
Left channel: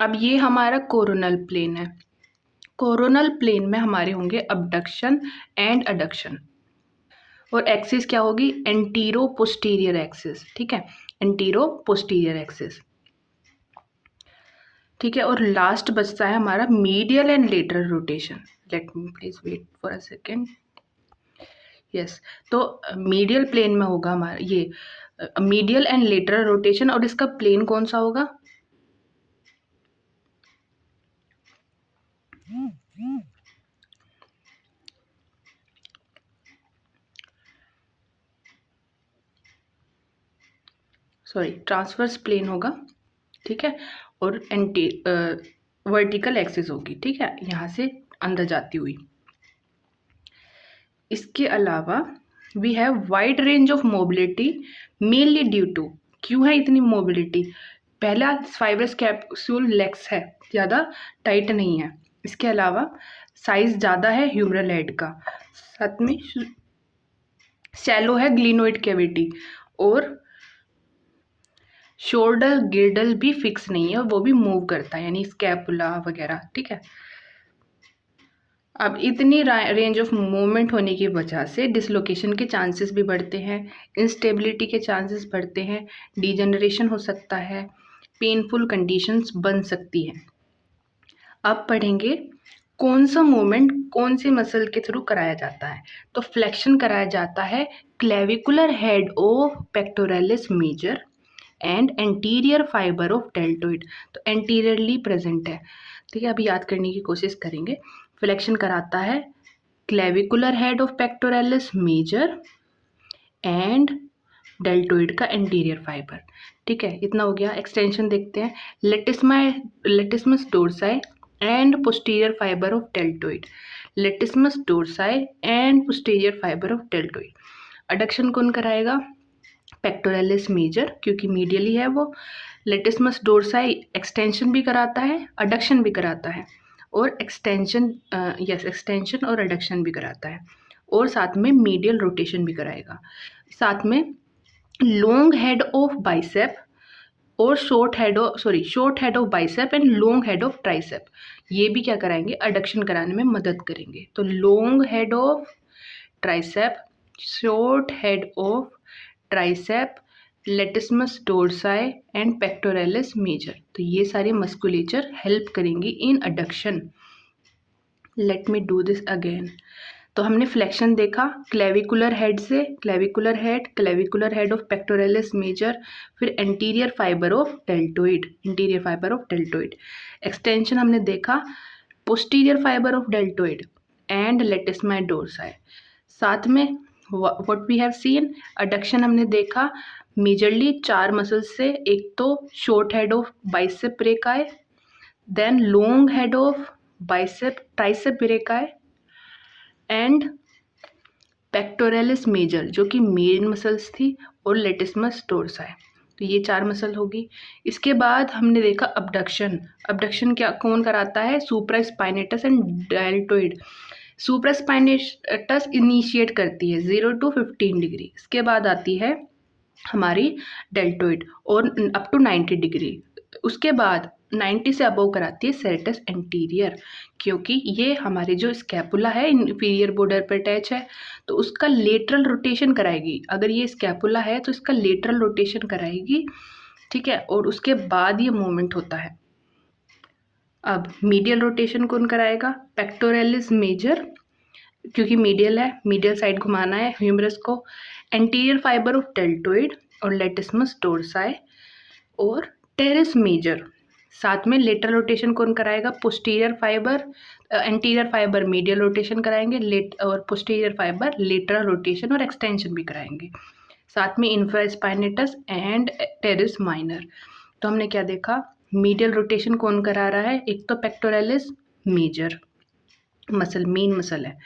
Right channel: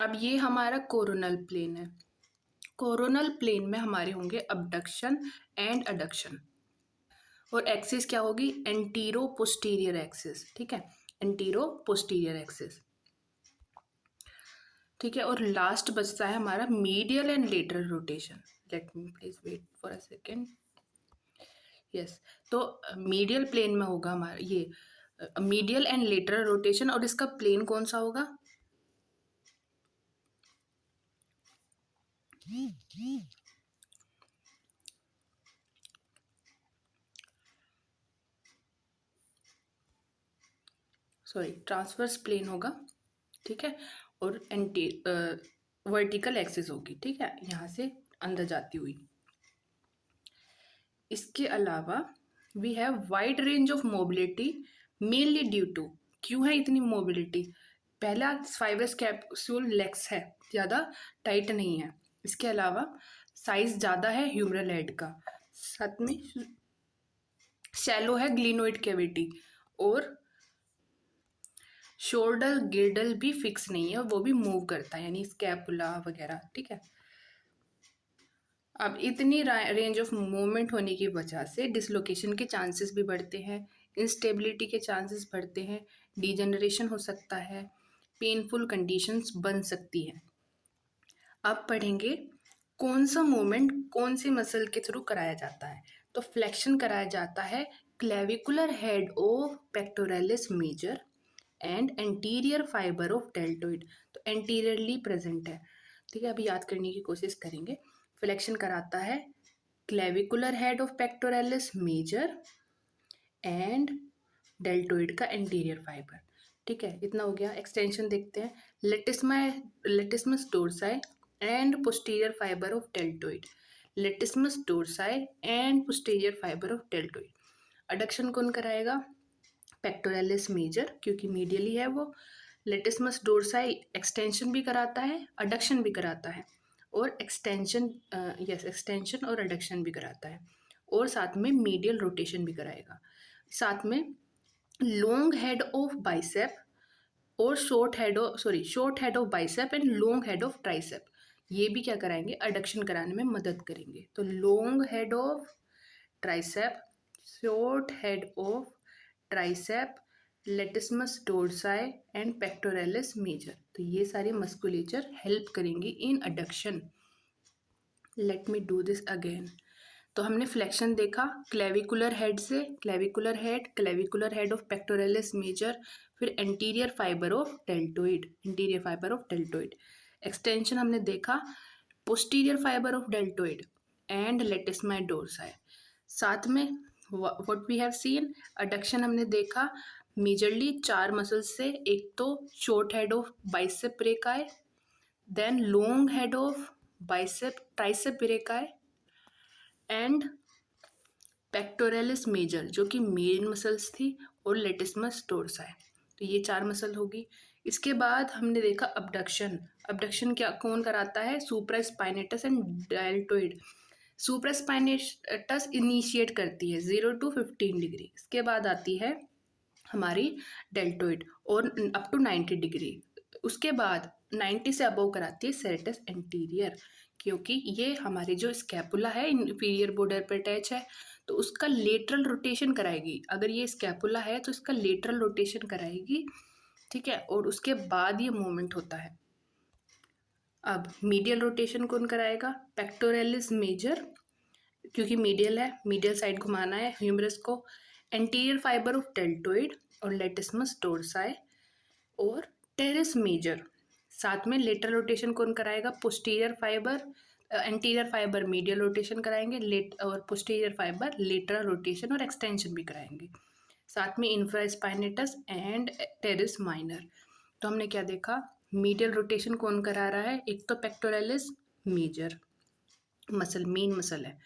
अब ये हमारा कोरोनल प्लेन है। कोरोनल प्लेन में हमारे होंगे अबडक्शन एंड अडक्शन, और एक्सिस क्या होगी? Antero posterior axis. ठीक है, एंटीरो पोस्टीरियर एक्सिस। ठीक है। और लास्ट बचता है हमारा medial and lateral rotation. Let me please wait for a second. Yes, तो मीडियल प्लेन में होगा हमारा ये मीडियल एंड लेटरल रोटेशन, और इसका प्लेन कौन सा होगा? सॉरी, ट्रांसवर्स प्लेन होगा। ठीक है। और वर्टिकल एक्सिस होगी। ठीक है, यहाँ से अंदर जाती हुई। इसके अलावा we have wide range of mobility mainly due to, क्यों है इतनी मोबिलिटी? पहला, फाइब्रस कैप्सूल लेग्स है, ज़्यादा टाइट नहीं है। इसके अलावा साइज ज़्यादा है ह्यूमरल हेड का, साथ में शैलो है ग्लिनोइड कैविटी, और शोल्डर गिर्डल भी फिक्स नहीं है, वो भी मूव करता है, यानी स्कैपुला वगैरह। ठीक है। अब इतनी रेंज ऑफ मूवमेंट होने की वजह से डिसलोकेशन के चांसेस भी बढ़ते हैं, इंस्टेबिलिटी के चांसेस बढ़ते हैं, डिजेनरेशन हो सकता है, पेनफुल कंडीशंस बन सकती हैं। अब पढ़ेंगे कौन सा मूवमेंट कौन सी मसल के थ्रू कराया जाता है। तो फ्लेक्शन कराया जाता है clavicular head of pectoralis major and anterior fiber of deltoid. तो एंटीरियरली प्रेजेंट है। ठीक है, अभी याद करने की कोशिश करेंगे। फ्लेक्शन कराता है clavicular head of pectoralis major and deltoid का एंटीरियर फाइबर। ठीक है, इतना हो गया। एक्सटेंशन देखते हैं, latissimus dorsi and posterior fiber of deltoid, latissimus dorsi and posterior fiber of deltoid. Adduction कौन कराएगा? पेक्टोरलिस मेजर, क्योंकि मीडियली है वो। लेटिसमस डोर्साई एक्सटेंशन भी कराता है, अडक्शन भी कराता है, और एक्सटेंशन और अडक्शन भी कराता है, और साथ में मीडियल रोटेशन भी कराएगा। साथ में लॉन्ग हेड ऑफ बाइसेप और short head of bicep and long head of tricep, ये भी क्या कराएंगे, अडक्शन कराने में मदद करेंगे। तो long head of tricep, short head of tricep, latissimus dorsi and pectoralis major, तो ये सारे मस्कुलेचर हेल्प करेंगी in adduction. Let me do this again. तो हमने फ्लेक्शन देखा क्लेविकुलर हेड से, clavicular head of pectoralis major, फिर anterior fiber of deltoid. Extension हमने देखा posterior fiber of deltoid and latissimus dorsi. साथ में what we have seen, adduction हमने देखा मेजरली 4 मसल्स से, एक तो short head of bicep brachii, then long head of bicep tricep brachii and pectoralis major जो कि मेन मसल्स थी, और लेटिसमस डोर्साई, तो ये 4 मसल होगी। इसके बाद हमने देखा अबडक्शन क्या कौन कराता है, supraspinatus and deltoid. Supraspinatus initiate करती है 0 to 15 डिग्री, इसके बाद आती है हमारी डेल्टोइड और अप टू 90 डिग्री, उसके बाद 90 से अबव कराती है सेरेटस एंटीरियर, क्योंकि ये हमारे जो स्कैपुला है इंफीरियर बॉर्डर पर अटैच है, तो उसका लेटरल रोटेशन कराएगी। अगर ये स्कैपुला है तो इसका लेटरल रोटेशन कराएगी, ठीक है, और उसके बाद ये मूवमेंट होता है। अब मीडियल रोटेशन कौन कराएगा, पेक्टोरलिस मेजर, क्योंकि मीडियल है, मीडियल साइड घुमाना है ह्यूमरस को, एंटीरियर फाइबर ऑफ डेल्टोइड और लेटिसमस डोर्साई और टेरेस मेजर। साथ में लेटरल रोटेशन कौन कराएगा, posterior fibre, anterior fibre medial rotation कराएंगे, और पोस्टीरियर फाइबर लेटरल रोटेशन और एक्सटेंशन भी कराएंगे। साथ में इंफ्रास्पाइनेटस एंड टेरेस माइनर। तो हमने क्या देखा, मीडियल रोटेशन कौन करा रहा है, एक तो pectoralis major muscle, main muscle है,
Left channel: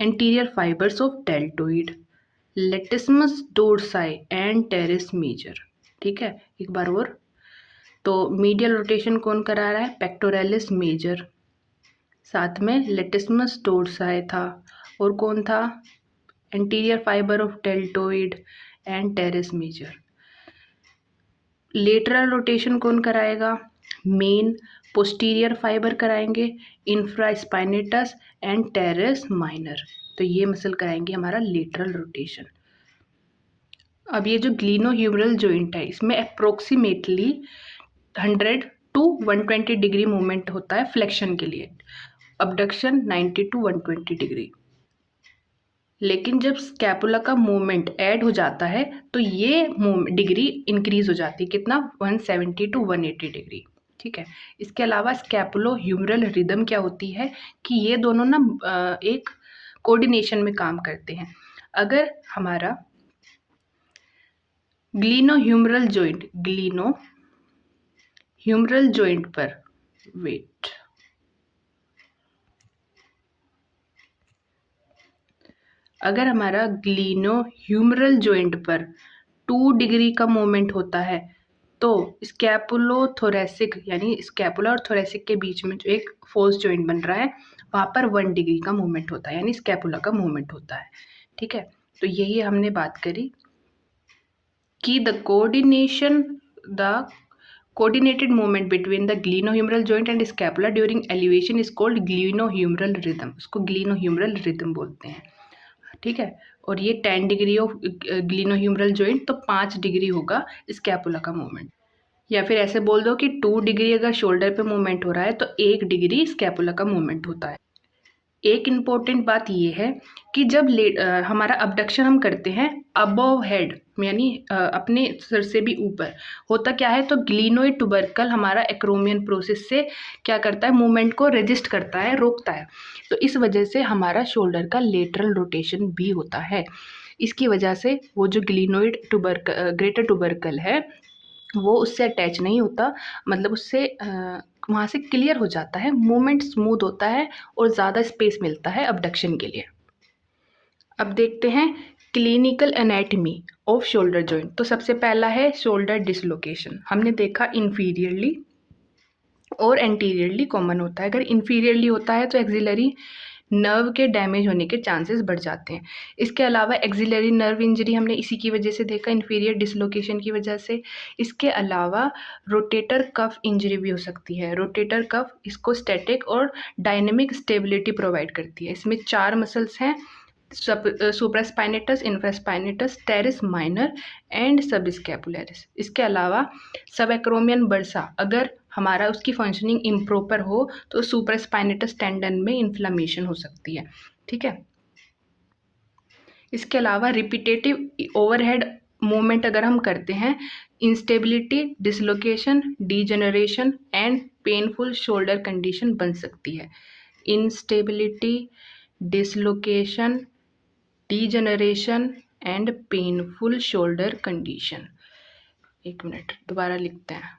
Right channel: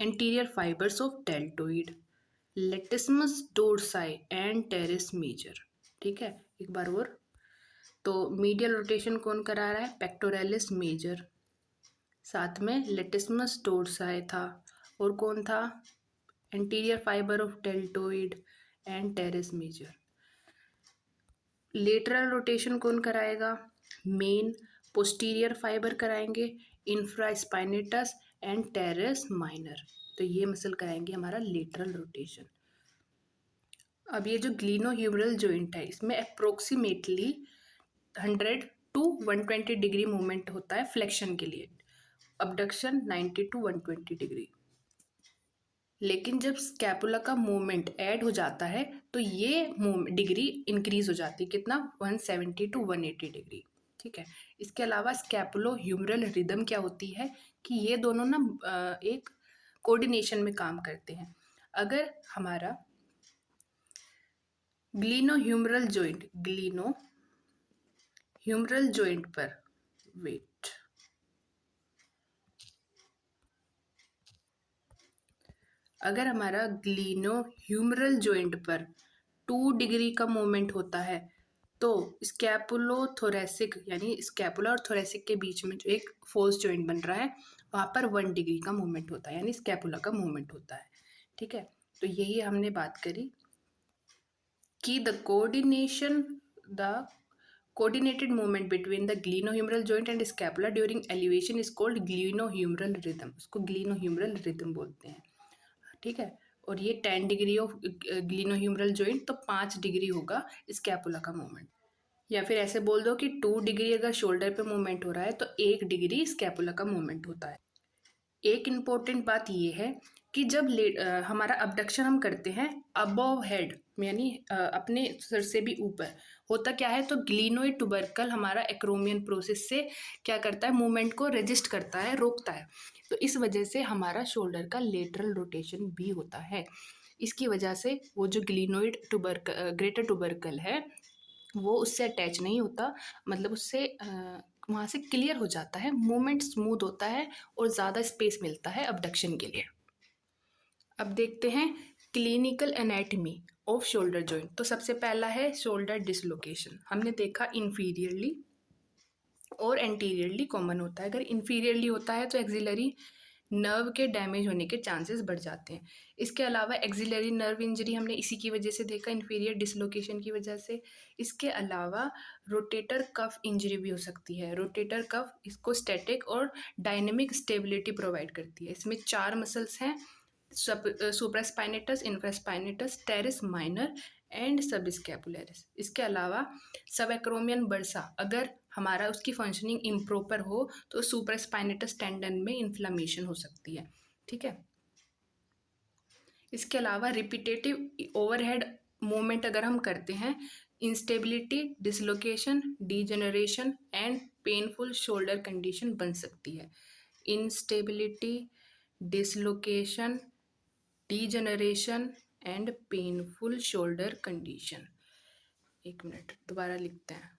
anterior fibers of deltoid, latissimus dorsi and teres major, ठीक है। एक बार और, तो मीडियल रोटेशन कौन करा रहा है, पेक्टोरलिस मेजर, साथ में लेटिसमस डोर्साई था, और कौन था, anterior fiber of deltoid and teres major. Lateral rotation कौन कराएगा, मेन पोस्टीरियर फाइबर कराएंगे, इंफ्रास्पाइनेटस एंड टेरेस माइनर, तो ये मसल कराएंगे हमारा लेटरल रोटेशन। अब ये जो ग्लिनोह्यूमरल जॉइंट है, इसमें अप्रोक्सीमेटली 100 to 120 डिग्री मूवमेंट होता है फ्लेक्शन के लिए, अबडक्शन 90 to 120 डिग्री। लेकिन जब स्कैपुला का मूवमेंट ऐड हो जाता है तो ये डिग्री इंक्रीज हो जाती है, कितना, 170 to 180 डिग्री, ठीक है। इसके अलावा स्कैपुलो ह्यूमरल रिदम क्या होती है कि ये दोनों ना एक कोऑर्डिनेशन में काम करते हैं। अगर हमारा ग्लिनोह्यूमरल जॉइंट पर वेट, अगर हमारा ग्लिनोह्यूमरल जॉइंट पर 2 डिग्री का मूवमेंट होता है तो स्कैपुलोथोरैसिक यानी स्कैपुला और थोरैसिक के बीच में जो एक फोर्स जॉइंट बन रहा है वहाँ पर 1 डिग्री का मूवमेंट होता है, यानी स्कैपुला का मूवमेंट होता है, ठीक है। तो यही हमने बात करी कि the coordinated movement between the glenohumeral joint and scapula during elevation is called glenohumeral rhythm, उसको glenohumeral rhythm बोलते हैं, ठीक है। और ये 10 डिग्री ऑफ ग्लिनोह्यूमरल जॉइंट, तो 5 डिग्री होगा स्कैपुला का मूवमेंट, या फिर ऐसे बोल दो कि 2 डिग्री अगर शोल्डर पे मूवमेंट हो रहा है तो 1 डिग्री स्कैपुला का मूवमेंट होता है। एक इम्पॉर्टेंट बात ये है कि जब हमारा अबडक्शन हम करते हैं अबव हेड यानी अपने सिर से भी ऊपर, होता क्या है, तो ग्लिनोइड टुबरकल हमारा एक्रोमियन प्रोसेस से क्या करता है, मूवमेंट को रेजिस्ट करता है, रोकता है, तो इस वजह से हमारा शोल्डर का लेटरल रोटेशन भी होता है। इसकी वजह से वो जो ग्लिनोइड ग्रेटर टुबरकल है वो उससे अटैच नहीं होता, मतलब उससे वहाँ से क्लियर हो जाता है, मूवमेंट स्मूथ होता है और ज़्यादा स्पेस मिलता है अबडक्शन के लिए। अब देखते हैं clinical anatomy off shoulder joint. तो सबसे पहला है शोल्डर डिसलोकेशन। हमने देखा इन्फीरियरली और एंटीरियरली कॉमन होता है। अगर इन्फीरियरली होता है तो एक्सिलरी नर्व के डैमेज होने के चांसेस बढ़ जाते हैं। इसके अलावा एक्सिलरी नर्व इंजरी हमने इसी की वजह से देखा, इन्फीरियर डिसलोकेशन की वजह से। इसके अलावा रोटेटर कफ इंजरी भी हो सकती है। रोटेटर कफ इसको स्टैटिक और डायनेमिक स्टेबिलिटी प्रोवाइड करती है। इसमें 4 मसल्स हैं, supraspinatus, infraspinatus, teres minor and subscapularis. इसके अलावा सब एक्रोमियन बर्सा अगर हमारा उसकी फंक्शनिंग इम्प्रॉपर हो तो सुप्रास्पाइनेटस टेंडन में इन्फ्लामेशन हो सकती है। ठीक है। इसके अलावा रिपीटेटिव ओवरहेड मूवमेंट अगर हम करते हैं, instability, dislocation, degeneration and painful shoulder condition बन सकती है। Instability, dislocation, degeneration and painful shoulder condition. एक मिनट दोबारा लिखते हैं।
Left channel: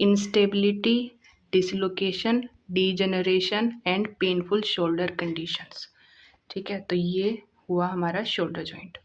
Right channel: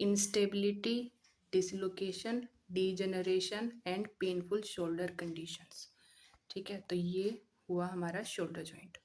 Instability, dislocation, degeneration and painful shoulder conditions. ठीक है, तो ये हुआ हमारा शोल्डर जॉइंट।